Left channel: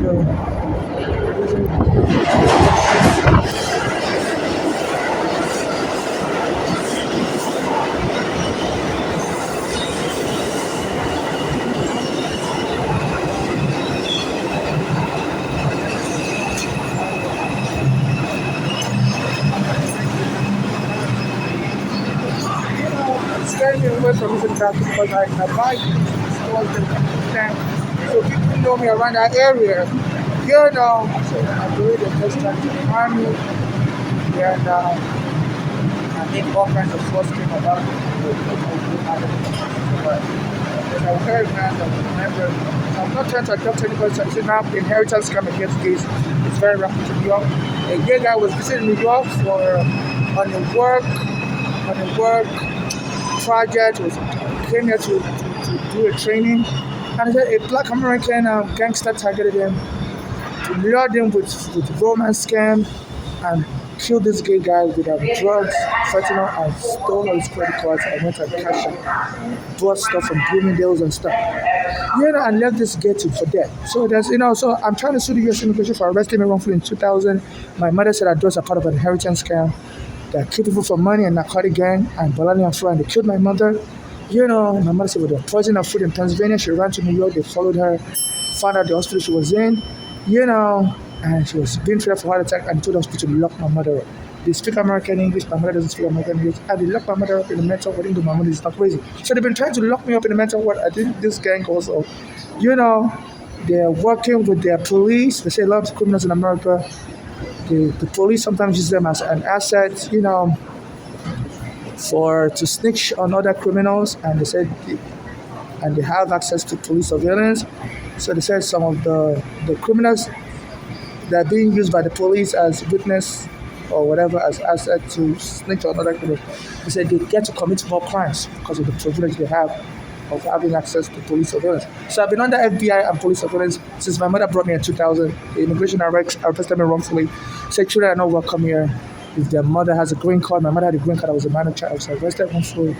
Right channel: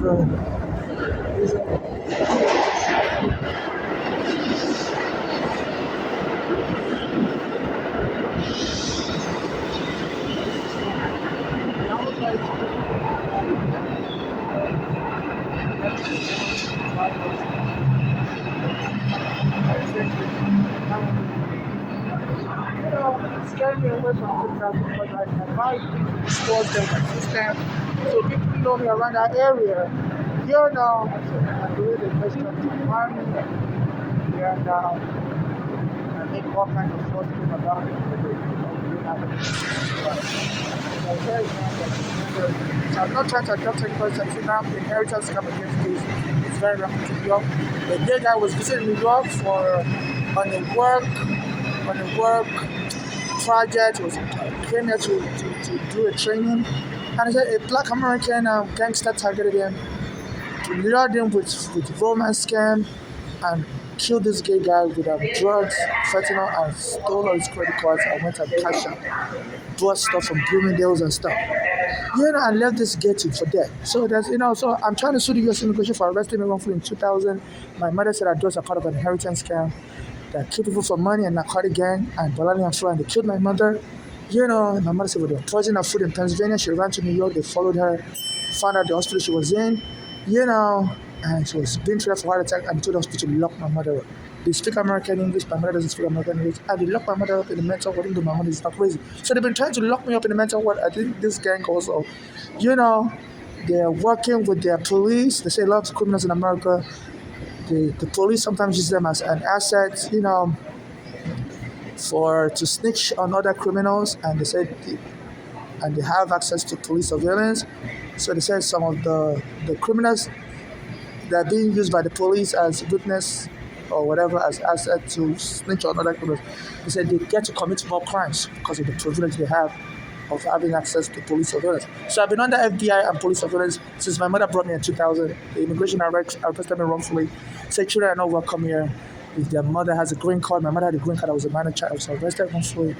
Scaring me away from using that because I buy sports and so people know me around that area. You know, so I believe the first time to the army and I make all kinds of false claims about it. But I've heard, man, remember, I'm not trying to adopt anybody. I said now the inheritance come against this. It's very rapid to New York. A gay guy was visiting New York for on a work project, was came here to do a training. And a black American gangster targeted him to lure him with romance scam and killed this gay guy with drugs, fentanyl, and stole all his credit cards and went and cashed out, bought stuff from Bloomingdale's and stuff. And left this gay for dead. So so I'm trying to sue the U.S. immigration for arresting me wrongfully in 2000. My mother said I was a part of an inheritance scam that killed people for money and narcotic gang and Bolani and Florida, and they killed my mother. My mother said, well, they were poisoning her food in Pennsylvania. She ran to New York. They followed her, found out the hospital she was in, and she was being treated for heart attack, and they told the hospital to lock my mother up. They speak American English, my mother doesn't speak American English, and they locked my mother up in the mental ward. My mother is not crazy. So they've been trying to lock me up in the mental ward. I think this gang also, they're working with their police. They say a lot of criminals in America, the police sometimes use them as an asset, to snitch on other criminals, and they have access to police surveillance. So they said some of the criminals that are being used by the police as witness or whatever as asset to snitch on other criminals. They said they get to commit more crimes because of the privilege they have of having access to police surveillance. So I've been under FBI and police surveillance since my mother brought me in 2000. The immigration arrested me wrongfully. Said children are not welcome here. If their mother has a green card, my mother had a green card. I was a minor child. I was arrested wrongfully.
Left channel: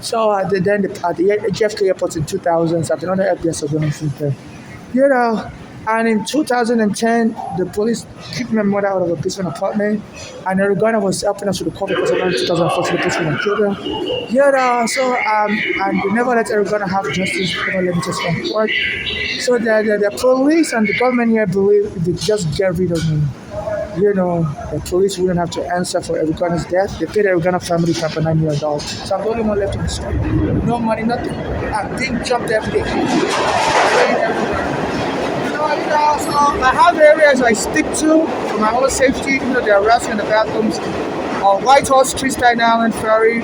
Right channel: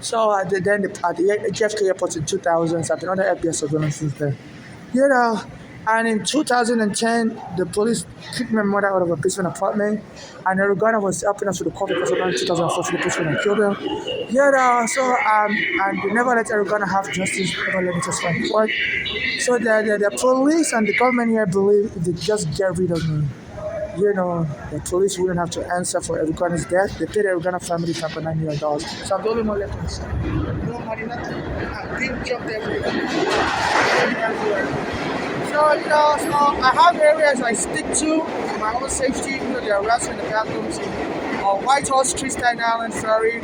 So at the JFK airport in 2000, so I've been under FBI surveillance since then. And in 2010, the police kicked my mother out of a basement apartment, and Oregona was helping us with the COVID because around 2014, the police went and killed her. And they never let Oregona have justice, never let me just find court. So the police and the government here believe if they just get rid of me, the police wouldn't have to answer for Oregona's death. They paid the Oregona family $9 million. So I'm the only one left in the street. No money, nothing. I'm being jumped every day. So I have areas I stick to for my own safety. They are harassing in the bathrooms. On White Horse Street, Staten Island, Ferry.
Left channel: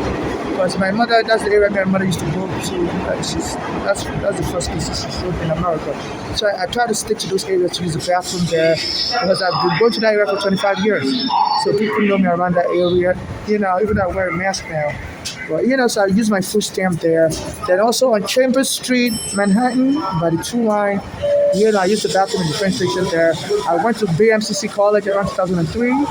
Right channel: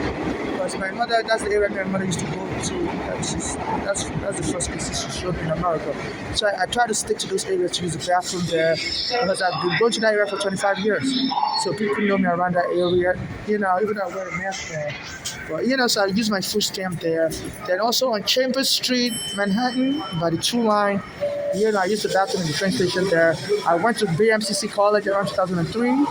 Because my mother, that's the area my mother used to go to. That's the first place she showed in America. So I try to stick to those areas to use the bathroom there because I've been going to that area for 25 years. So people know me around that area. Even though I wear a mask now. But so I use my food stamp there. Then also on Chambers Street, Manhattan, by the 2 line. I used the bathroom in the train station there. I went to BMCC College around 2003.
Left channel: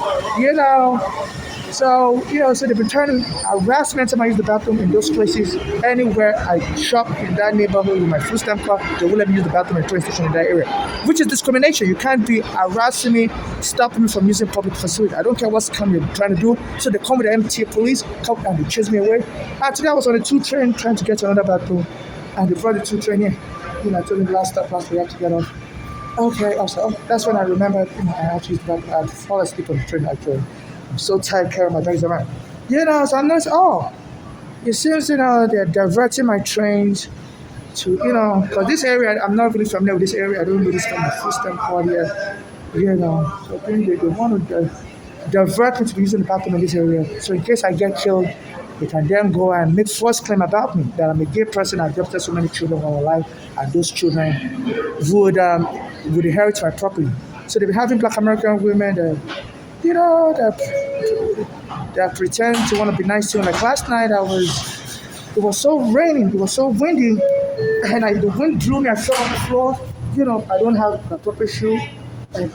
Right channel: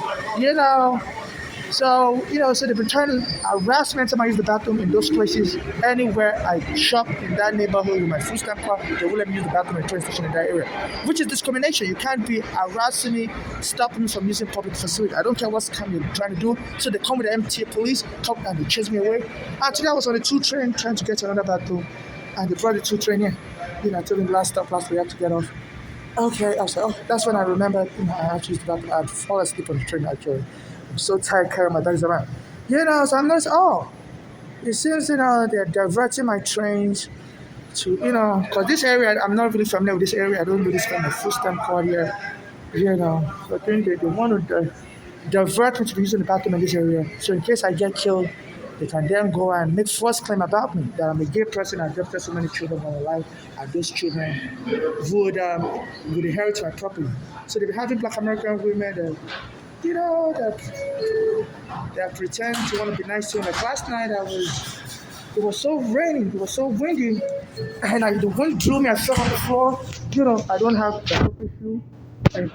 So they've been trying to harass me anytime I use the bathroom in those places. Anywhere I shop in that neighborhood with my food stamp card, they won't let me use the bathroom in the train station in that area, which is discrimination. You can't be harassing me, stopping me from using public facility. I don't care what scam you're trying to do. So they come with the MTA police, come and they chase me away. Actually, I was on the 2 train trying to get to another bathroom, and they brought the 2 train here. I told him last we had to get off. Okay, I said, that's when I remembered, I actually used the bathroom. I fall asleep on the train actually. I'm so tired carrying my bags around. So I'm noticing, it seems, they're diverting my trains to, because this area, I'm not really familiar with this area. I don't know this from the first time call here. So I think they want to divert me to using the bathroom in this area. So in case I get killed, they can then go and make false claim about me that I'm a gay person. I've adopted so many children all my life, and those children would inherit my property. So they've been having Black American women that that pretend to want to be nice to me. Like last night, it was so raining, it was so windy, and the wind blew me. I fell on the floor. I don't have the proper shoe. And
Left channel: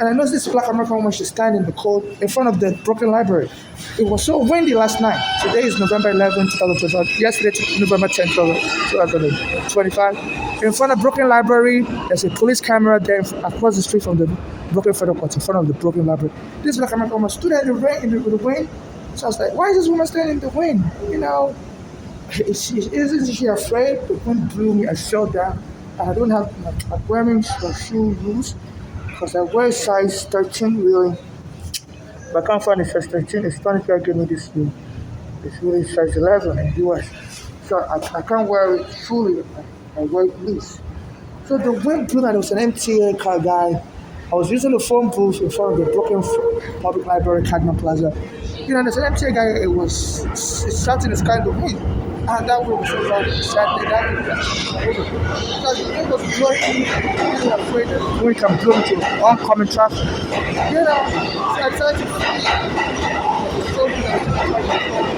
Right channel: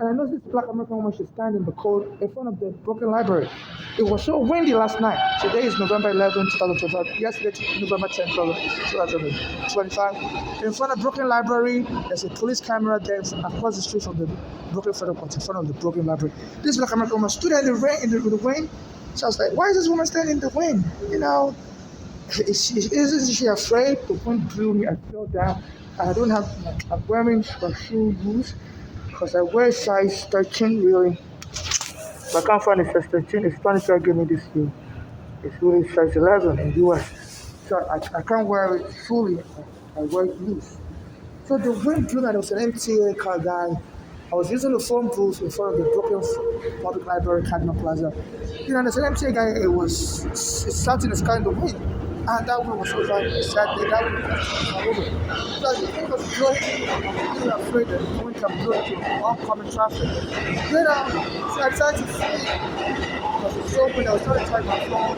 And I noticed this black American woman, she stand in the cold in front of the Brooklyn Library. It was so windy last night. Today is November 11, 2025. Yesterday, November 10, 2025. In front of Brooklyn Library, there's a police camera there across the street from the Brooklyn Federal Court, in front of the Brooklyn Library. This black American woman stood there in the rain, in the wind. So I was like, why is this woman standing in the wind? Isn't she afraid? The wind blew me. I fell down. I don't have I'm wearing shoe loose because I wear size 13 really. But I can't find a size 13. It's trying to give me this shoe. It's really size 11 in the US. So I can't wear it fully. I wear it loose. So the wind blew and there was an MTA car guy. I was using the phone booth in front of the Brooklyn Public Library, Cadman Plaza. There's an MTA guy, it started this kind of wind. And that way was so fun. Saturday, that way. Because the wind was blowing, I was afraid that the wind can blow into oncoming traffic. So I decided to flee. So I started trying to phone.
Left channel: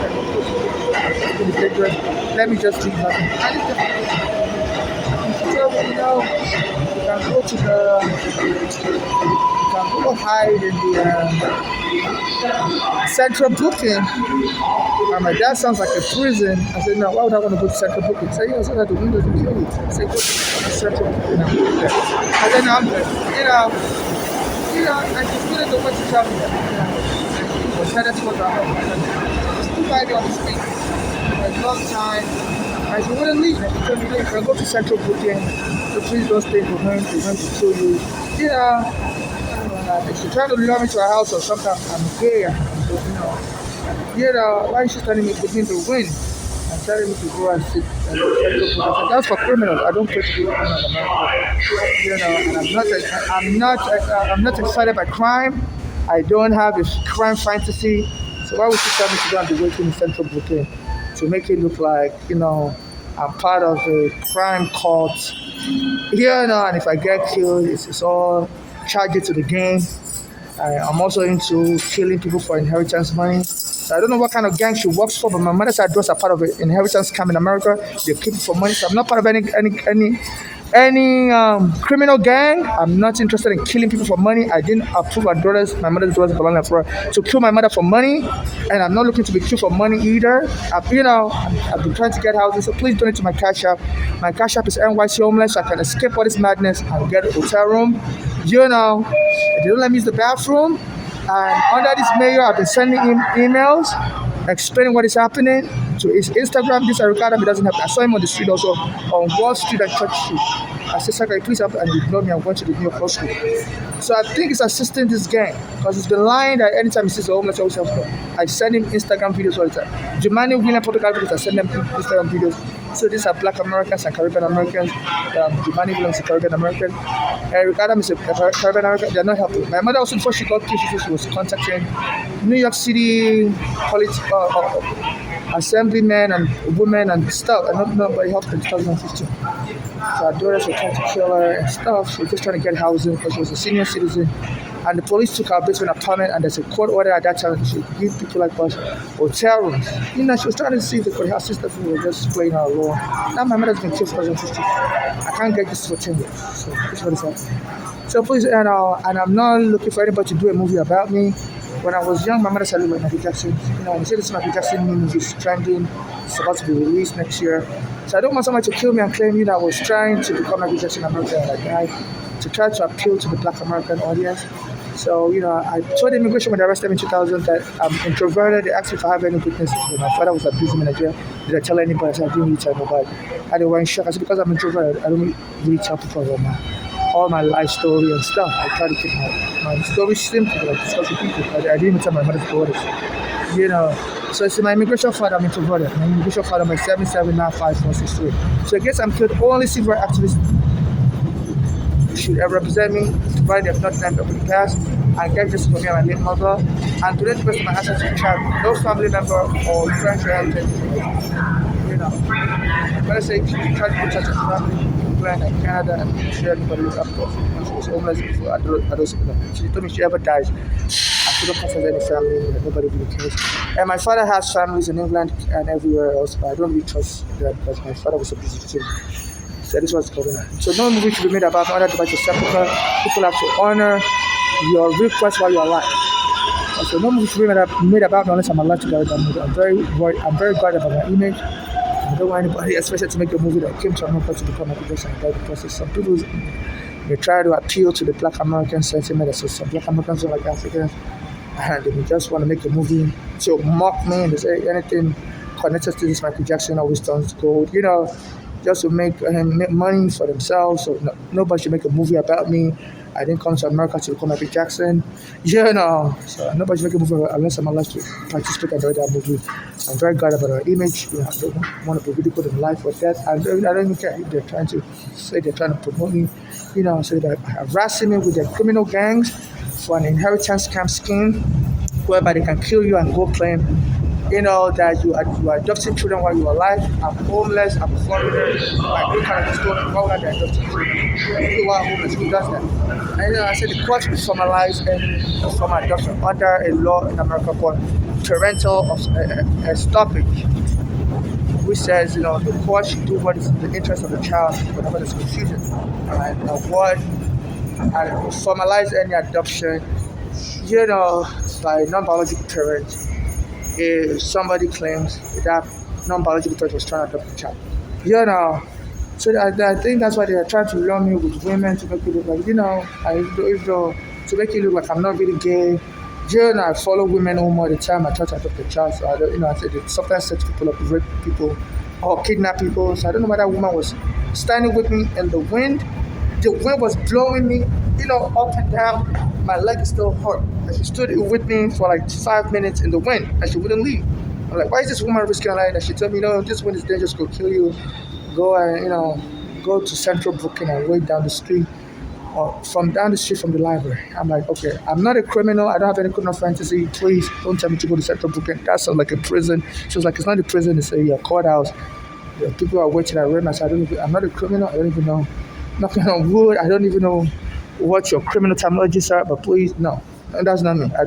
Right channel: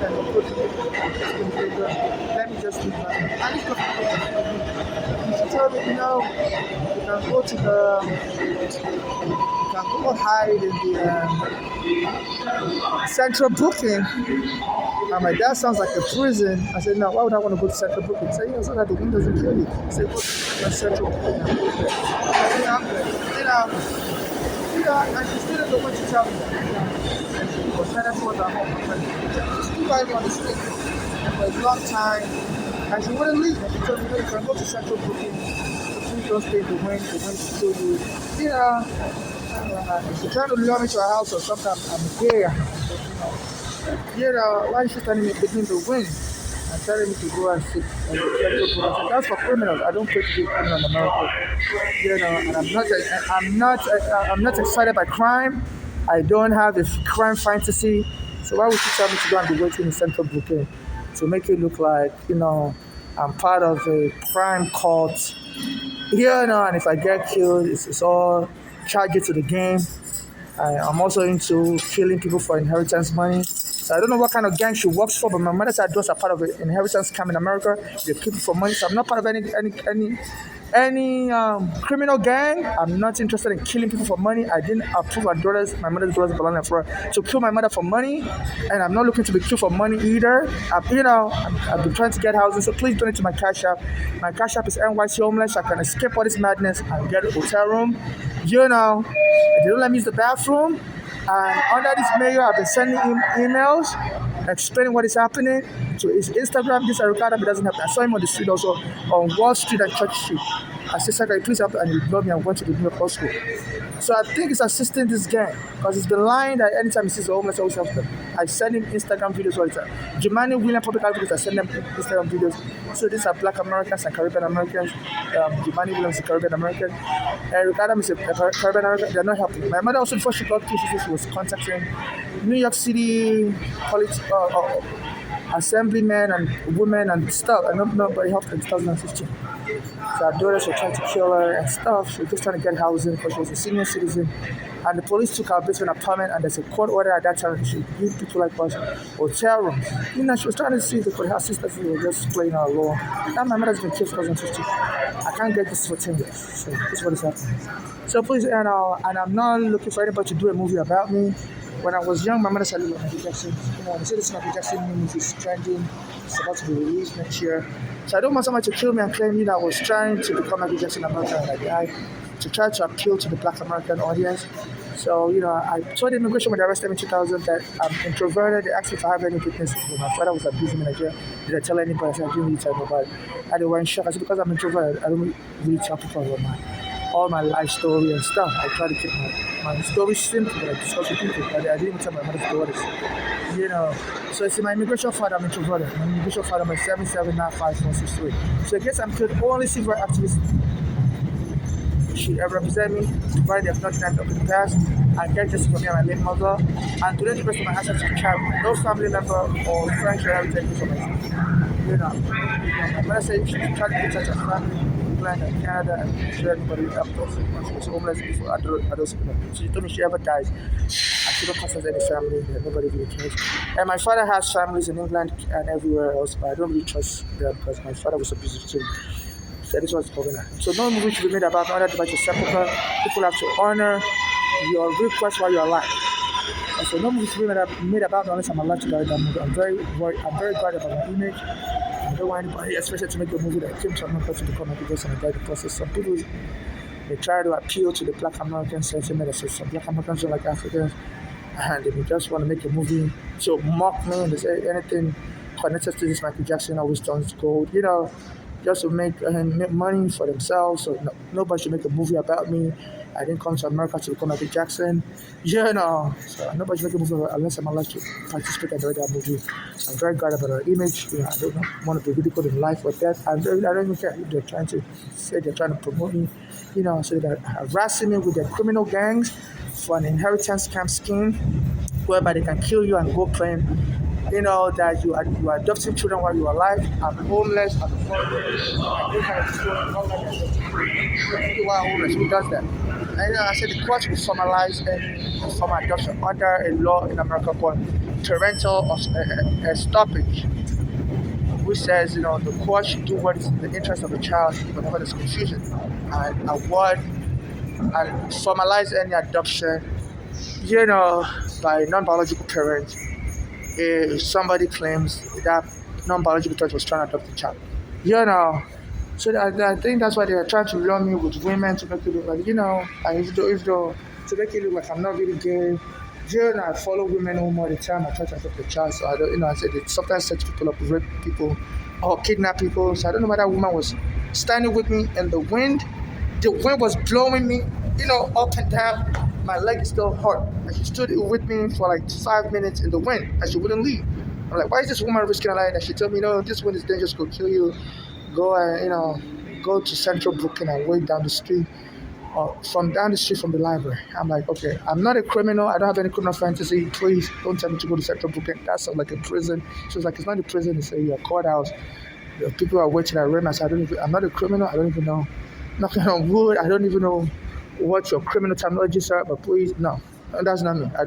Let me just leave that. I just you can go to you can go hide in the central booking. I'm like, that sounds like a prison. I said, no, why would I want to go to central booking? He said, so that the windows will kill it. I said, go to central booking and go there. And then I'm like, I just didn't know what to travel. I was headed towards our home. Still riding on the street. There's long time. I said, wouldn't leave. He told me, if I go to central booking, so please don't stay behind. They're going to kill you. If you're trying to lure me to a house or something, I'm there. Why is she telling me to begin to win? And telling me to go and sit. That's for criminals. I don't pay to be a criminal. And I'm not excited by crime. I don't have a crime fantasy. So why would you tell me to go and be waiting in central booking to make it look like, I'm part of a crime cult? And if I get killed, it's all charged to the game. I'm also into killing people for inheritance money. So I don't know what kind of gang she works for, but my mother said those are part of an inheritance scam in America. They keep it for money. So I'm not part of any criminal gang. I'm not interested in killing people for money. I didn't approve my mother's daughters belonging for to kill my mother for money, and I'm not looking to be killed for money either. I've been trying to get houses, so please donate to my Cash App. My Cash App is NYC Homeless, so I can escape all this madness and get a hotel room. They don't let me use the bathroom. And under this mayor, I've been sending him emails explaining what is happening to his Instagram. This Ricardo doesn't have. I saw him on the street also on Wall Street and Church Street. I said, "Sir, please help," and he ignored me. I'm going to the New York School. So I think it's assisting this gang because he's been lying that anytime he sees a homeless, always help them. I send him Instagram videos all the time. Jumani William Public Libraries, I send them Instagram videos. So these are Black Americans and Caribbean Americans. Jumani Williams is a Caribbean American. Ricardo is a Caribbean American. They're not helping. My mother also, before she got killed, she was contacting New York City assemblymen and women and stuff. I don't know, but it helped in 2015. So our daughters were trying to kill her and stuff. She was just trying to get housing because she was a senior citizen. And the police took her basement apartment, and there's a court order at that time to give people like us hotel rooms. She was trying to see if her sisters were just playing her law. Now my mother's been killed 2015. I can't get this for 10 years. So that's what is happening. So please, and I'm not looking for anybody to do a movie about me. When I was young, my mother said, "Look, Michael Jackson. We said this Michael Jackson movie is trending. It's about to be released next year." So I don't want somebody to kill me and claim that I was trying to become Michael Jackson in America to try to appeal to the Black American audience. So, I told the immigration when they arrested me in 2000 that I'm introverted. They asked me if I have any witnesses. My father was abusing me in Nigeria. Did I tell anybody? I said, I didn't really tell nobody. And they were in shock. I said, because I'm introverted, I don't really tell people about all my life story and stuff. I try to keep my story simple and discuss with people. I didn't even tell my mother's daughters. So it's my immigration file, I'm introverted. My immigration file, my 7795463. So I guess I'm killed only civil activists should ever represent me, provided they have not done up in the past, and get justice for me and my late mother, and to let the rest of my assets to child, no family member or friend relative. I'm going to say if you try to protect her family, England and Canada, and sure everybody was up for. She was homeless before, I don't support her. She told me she ever dies. I shouldn't confess any family, nobody really cares. And my father has families in England and everywhere else, but I don't really trust them because my father was abusive too. So this was going on. So no movie should be made about my mother to sepulchre. People have to honor your real quest while you're alive. So no movie should be made about me unless I'm alive to direct that movie. I'm very guarded about my image. I don't want anybody, especially to make a movie that came to America to become a biggest and the process. Some people they try to appeal to the Black American sentiment. So some Black Americans don't like Africans, and they just want to make a movie to mock me. And they say anything connected to this Michael Jackson always turns gold. Just to make money for themselves. So nobody should make a movie about me. I didn't come to America to become Michael Jackson. So nobody should make a movie unless I'm allowed to participate and direct that movie. I'm very glad about our image. I don't want to be ridiculed in life with that. I don't even care if they're trying to say they're trying to promote me. So they're harassing me with their criminal gangs for an inheritance scam scheme whereby they can kill you and go claim that you are adopting children while you're alive. I'm homeless, I'm foreign, my green card is stolen, why would I be adopting children? Who are homeless, who does that? And I said the court will formalize any form of adoption under a law in America called parental stoppage, which says, the court should do what is in the interest of the child whenever there's confusion and award and formalize any adoption, by non-biological parents if somebody claims that non-biological parent was trying to adopt the child. So I think that's why they are trying to lure me with women to make it look like, to make it look like I'm not really gay. I follow women home all the time. I try to adopt the child. So I said they sometimes set people up, rape people, or kidnap people. So I don't know why that woman was standing with me in the wind. The wind was blowing me, up and down. My leg still hurt. And she stood with me for like 5 minutes in the wind, and she wouldn't leave. I'm like, why is this woman risking her life? And she told me, this wind is dangerous, go kill you. Go and, go to Central Brooklyn and wait down the street, or from down the street from the library. I'm like, okay, I'm not a criminal. I don't have any criminal fantasy. Please don't tell me to go to Central Brooklyn. That sounds like a prison. She was like, it's not a prison. It's a courthouse. People are waiting at Renas. I'm not a criminal. I don't even know. Knocking on wood. I don't even know what your criminal terminologies are. But please, no, that's not me. I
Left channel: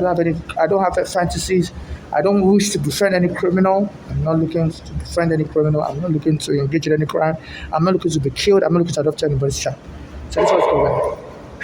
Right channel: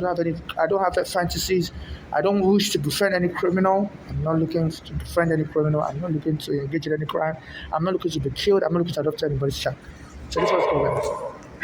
don't have fantasies. I don't wish to befriend any criminal. I'm not looking to befriend any criminal. I'm not looking to engage in any crime. I'm not looking to be killed. I'm not looking to adopt anybody's child. So that's what's going on.